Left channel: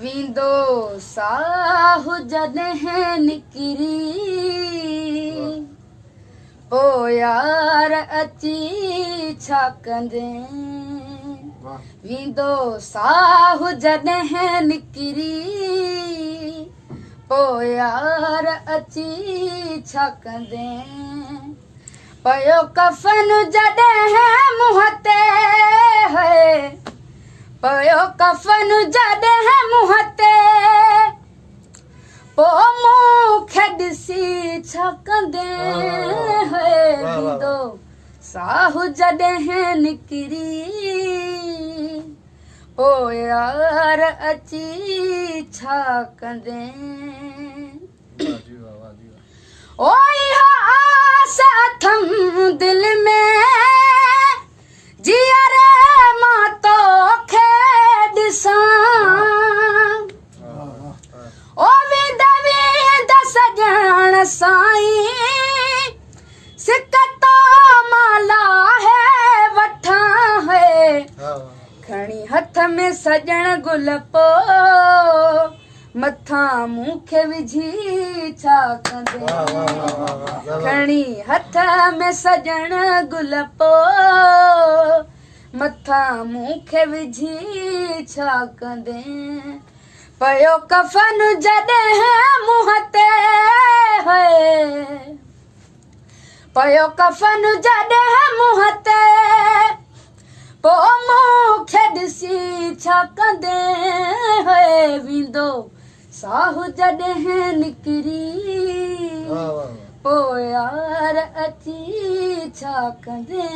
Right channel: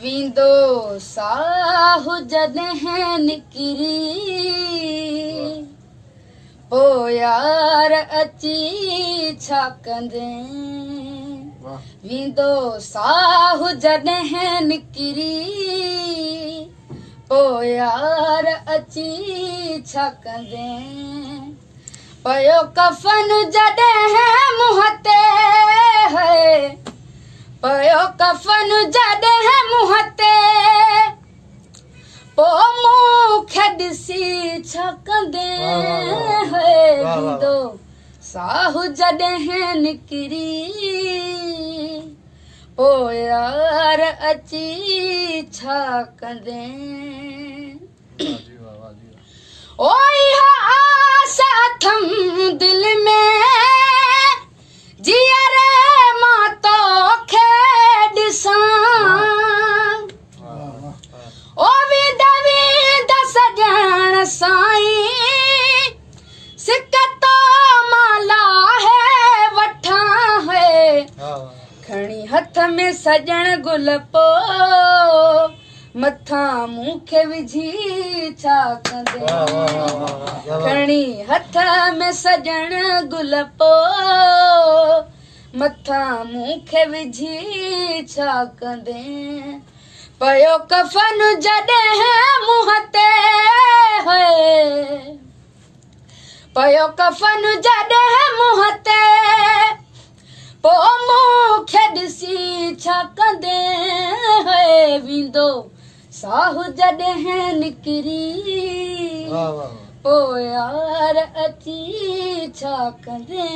वींदो साहु जॾहिं निकिरी पो यार अची छा कंदे वींदो साहु जॾहिं निकिरी पो यार अची छा कंदे पयो कफन जॾहिं मुंहं ते है पयो कफन जॾहिं मुंहं ते पो मूंखे ॾिसी छा कंदे वींदो साहु जॾहिं निकिरी पो यार अची छा कंदे ओ इहा आस अथम दिल में जियर मां तोखे ॾिसां ओ वेंद वेंद सॼण साईं सिक तो माला है वठां है खणी हथ में सॼण गुल पो मथां मूंखे विझी छा कंदे खणी हथ में सॼण गुल पो मथां मूंखे विझी छा कंदे पयो कफन जॾहिं मुंहं ते है पयो कफन जॾहिं मुंहं ते पो मूंखे ॾिसी छा कंदे वींदो साहु जॾहिं निकिरी पो यार अची छा कंदे।